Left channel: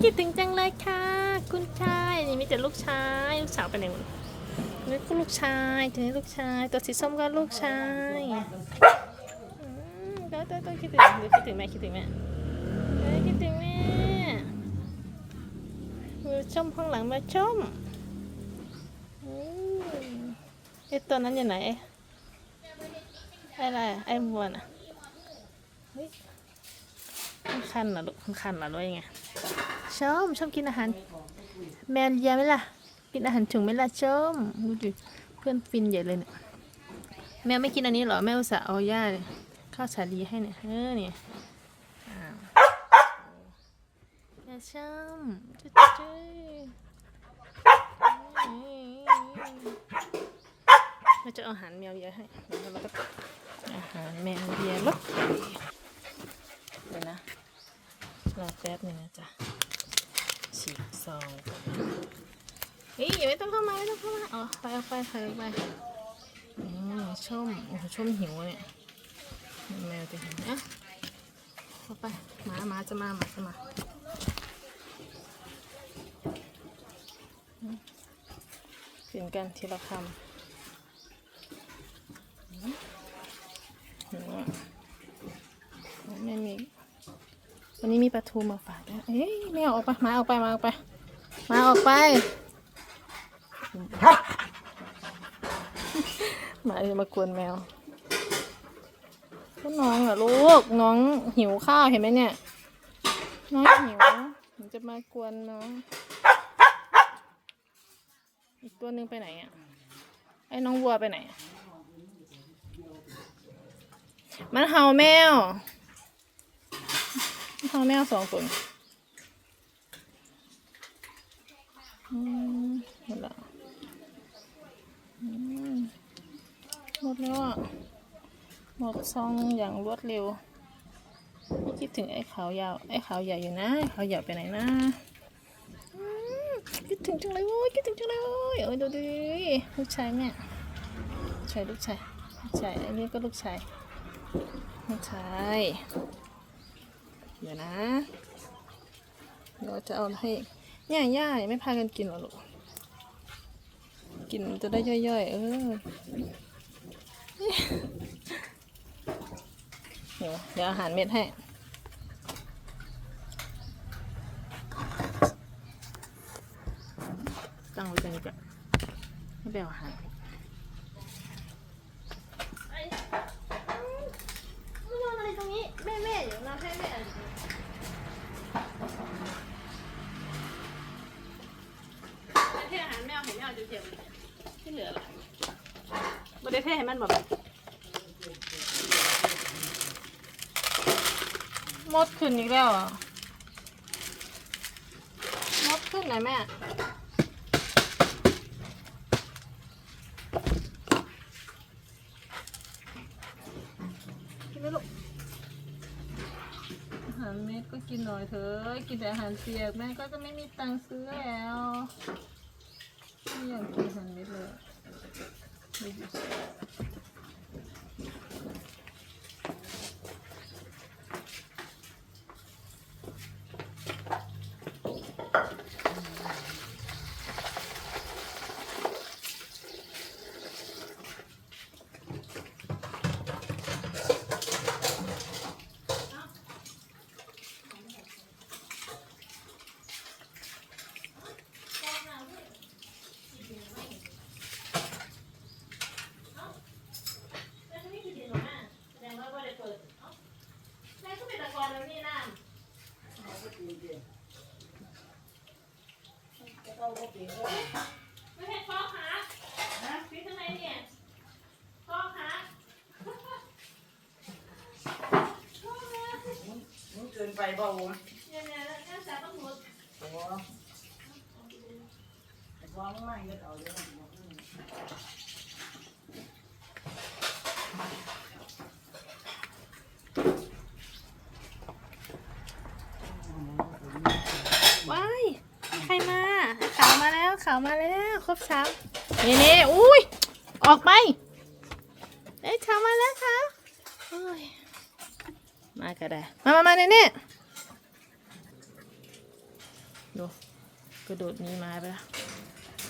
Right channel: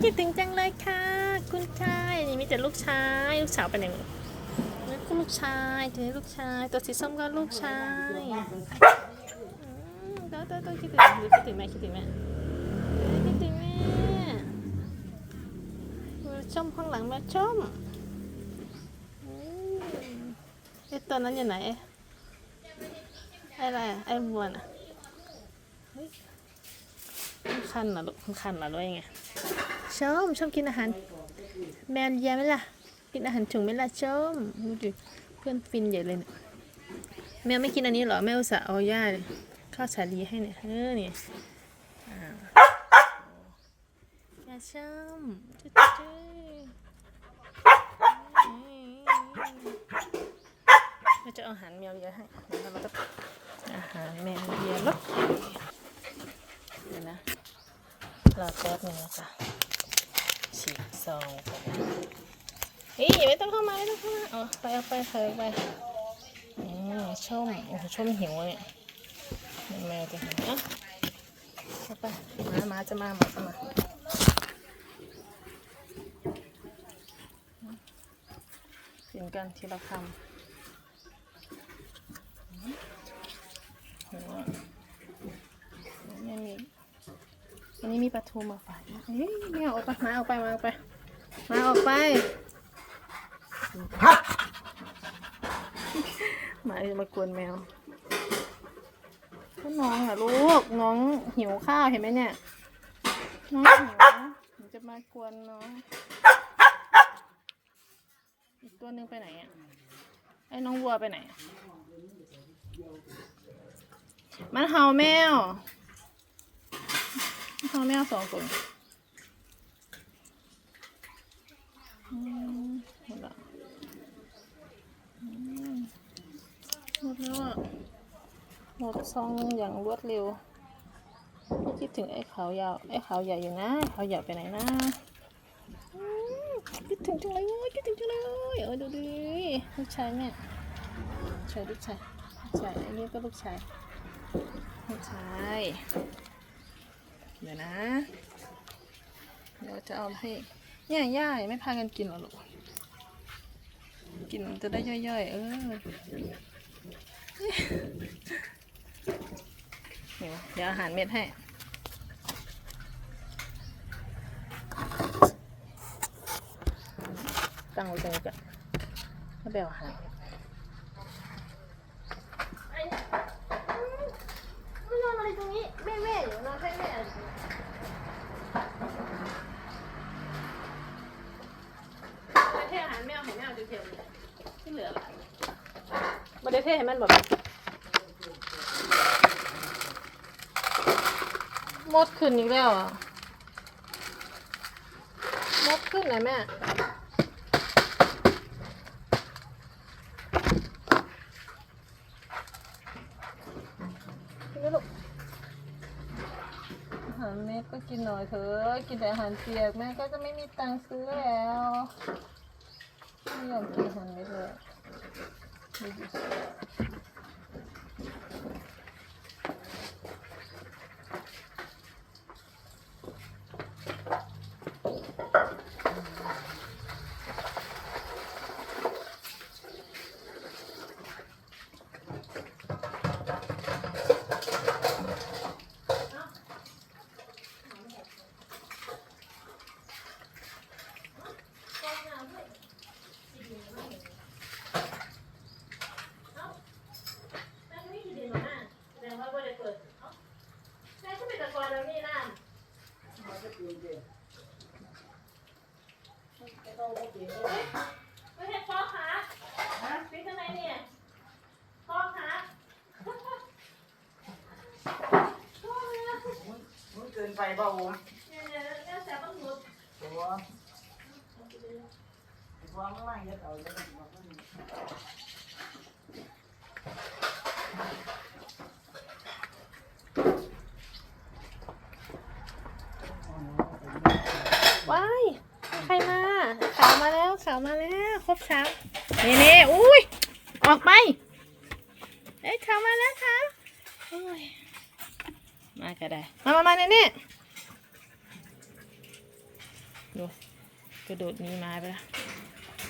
คิดถึงจังเลยค่ะ คุณชายนี่มีแต่ลูกชาย ลูกสาวไปไหนหมดนี่ก็ลูกชายตัวนี้ลูกชาย ตัวสีส้มก็ลูกชายอืมตัวตัวตัวคิดถึงหรือคิดถึงแม่คิดถึงแม่คิดถึงแม่ชมข้างหลังมาชมอืมไอตัวนั้นอยู่ไหนไอ้อะไรไอ้บัวน่ะเฮ้ยมันคันเหรอลูกมันคันเหรอหรือว่ายังไง ชมชอบกินอาหาร แมนยาไหมล่ะ กินอาหารถุงไหมล่ะชมดูดิเพื่อนฟินใหญ่เลยเนี่ยแม่ไม่กินอันนี้หรอแม่อุตส่าห์เอาย่าข้าวสาลีให้เนี่ยเออเนี่ยอ้าวอย่าชมจุ๊จุ๊เราจะเอาอาหารแมวเยอะให้เดี๋ยวเราก็อาหารแมวเยอะลบเดี๋ยวนะรอแป๊บหนึงนะจ๊ะ ฉีกซองนเฮ้ยไม่ต้องเข้ามาไม่ต้องเข้ามาเอาไปเอาไปเธอไปอืมชมโอ้ชมหิวเนี่ยแมวจะหิวอะเอาไปมามาจะมามาจะมาอืมกินกันทีละคำอืมอืมไม่มีวันนี้มีปลาทูมาฝ เอ้ยแมวออกไปมาออกไปมาออกไปมาออกไปหมาจะมากวนแมวก็น้องอะลูกน้องหิวข้าวเห็นไหมเนี่ยน้องหิวมันจะมากวนน้องอีกตัวหนึ่งไปไหนอะไอ้น้องวัวไปไหนอะมันเห่าแมวพ่อแม่สองคนอื มหมดแล้วหมดแล้วอะ หมดซองอย่างรวดเร็วคิดถึงไอ้ขาวยาว ไอ้ขาวใหญ่อยู่นะขาวใหญ่ไปไหนนะอืมคิดถึงจังเลยโว้ยคิดถึงจังเลยโว้ยโอ้ยดูดิลูกชายแม่ชายลูกชายลูกชายอันนี้ก็ลูกชายลูกชายเดี๋ยวนะเดี๋ยวจะเอาให้เนี่ยย่าไม่พากันกินหรอลูก กินจะได้ย่อยๆ เออเดี๋ยวเดี๋ยวอาหารเม็ดให้ตั้งไว้ตรงนี้จ้ะให้แบบอาหารไม่นอนอะไรตรงนี้แม่แม่เดี๋ยวนอนให้แม่ที่อาหารแมวเห็นแมวจะเทียมที่ เหลือหลายบริเทศให้มันแบบมดขึ้นอีกแล้วหมดขึ้นไหนแม่กินไหมลูกอาหารเม็ดก็กินหน่อยเถอะ กินแต่อาหารเปียกแม่ก็จะไม่มีตังค์ซื้อแล้ว ไม่อยากกินอา หารเม็ดเลยไม่เห็นพ่อคะฟิตทำไมเนี่ย พ่อคะมึงเกินไปเปล่าวะเนี่ยเนี่ยเนี่ยแซ่บต้องหลุดตัววางล่างจะเอาจะมาขึ้นว้ายมีใครมาขาวมาแล้ว ขาวมาแล้วครบสามเน่เน่อุ้ยออกไปเอ้ยขาวมาแล้วค่ะมาก็ได้ มามามาเน่เน่ดูกระโดดนี้มาไปแล้ว